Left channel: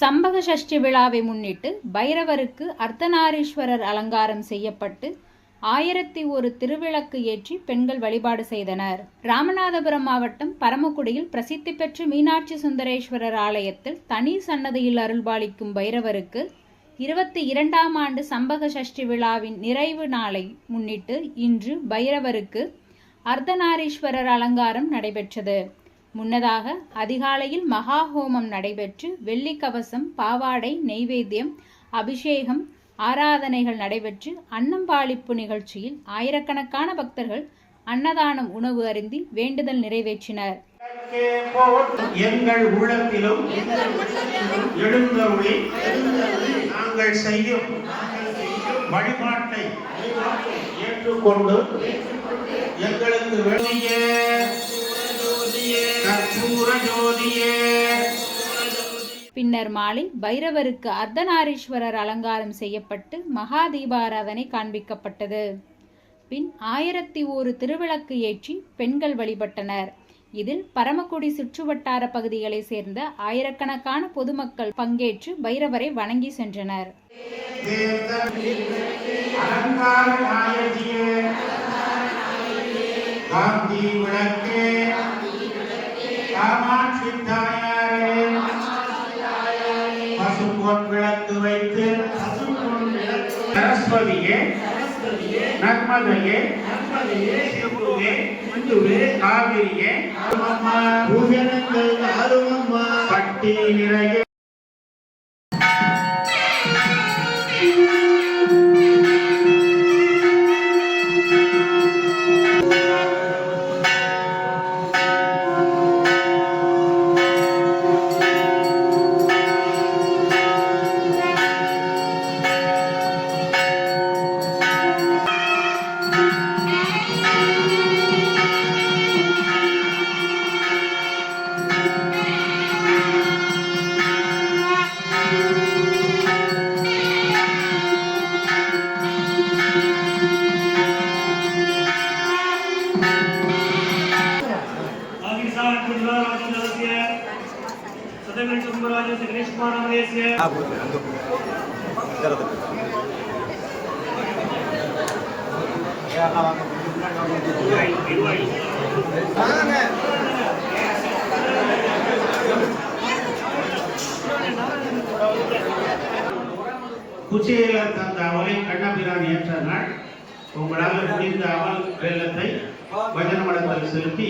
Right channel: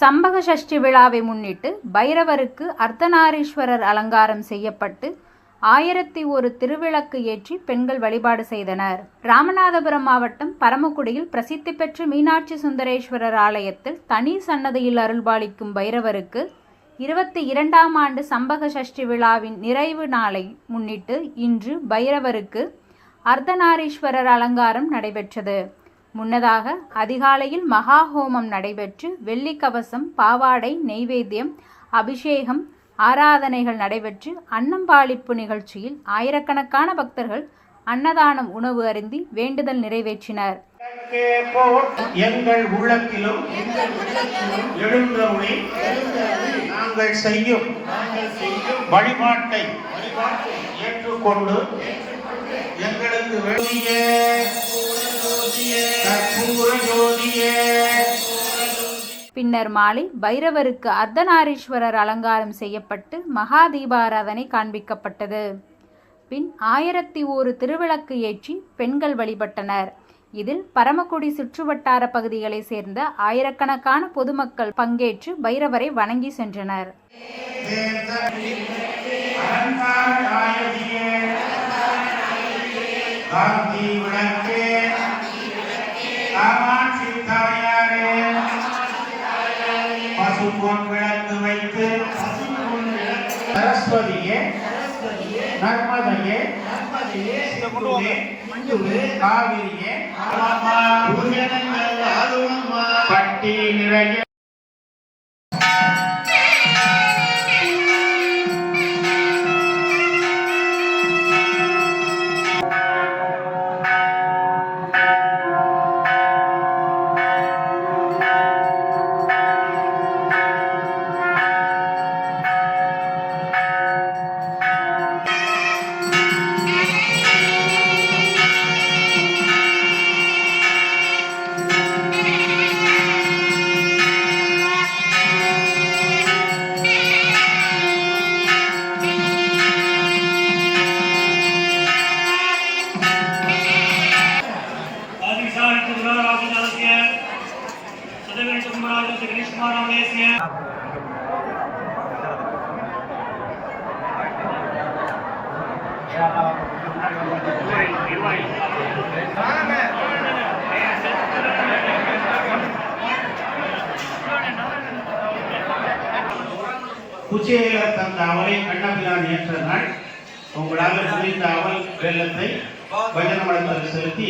சம்பக சஷ்டி விழாவை முன்னிட்டு பைரவருக்கு அர்த்தநாரீஸ்வரர் அலங்காரம் செய்யப்பட்டு ஆயிரத்தி ஒரு திருவிளக்கு ஏற்றி பெண்கள் வழிபாடு செய்தனர். ராமநாதபுரம் மாவட்டம் பரமக்குடியில் பிரசித்தி பெற்ற மீனாட்சி சுந்தரேஸ்வரர் ஆலயத்தில் தனி சன்னதியில் அருள்பாலிக்கும் பைரவருக்கு இருபத்தி இரண்டாம் ஆண்டு சம்பக சஷ்டி விழாவின் நிறைவு நாளை முன்னிட்டு இன்று பைரவருக்கு அர்த்தநாரீஸ்வரர் அலங்காரம் நடைபெற்றது. முன்னதாக அதிகாலையில் மகா ஹோமம் நடைபெற்று வெள்ளி கவசம் பாவாடை நெய்வேத்தியம் அபிஷேகம் ஆராதனைகள் நடைபெற்று அன்னம்பாளிப்பு நிகழ்ச்சியில் ஆயிரக்கணக்கான பக்தர்கள் அன்னதானம் உணவு அருந்தி வேண்டுதல் நிறைவேற்றினர். எங்கள் உள்ளத்திலும் எழுந்தருளி நாங்கள் செய்யும் வழிபாட்டை ஏற்றுக்கொண்டு எங்களுக்கு வெளியே பின்னர் மாலை பைரவருக்கு அர்த்தநாரீஸ்வரர் அலங்காரம் செய்யப்பட்டு மகா தீபாராதனை காண்பிக்கப்பட்டது. பின் ஆயிரத்தி ஒரு திருவிளக்கு ஏற்றி பெண்கள் வழிபட்டனர். இதில் பரமக்குடி சுற்றுவட்டார பகுதிகளைச் சேர்ந்த ஆயிரக்கணக்கான பொதுமக்கள் பங்கேற்று பைரவரை வணங்கி சென்றனர். ಸರಸ್ವತಿಗೆ ನರ್ಮದೆಗೆ ಸಿಂಧುವೆ ಕಾವೇರಿಗೆ Carlos e Cristo Moral Messias. குச்சியில தந்த அவளை கண்ணாபியான் ஏற்ற நாள் உங்களால் செலுத்தி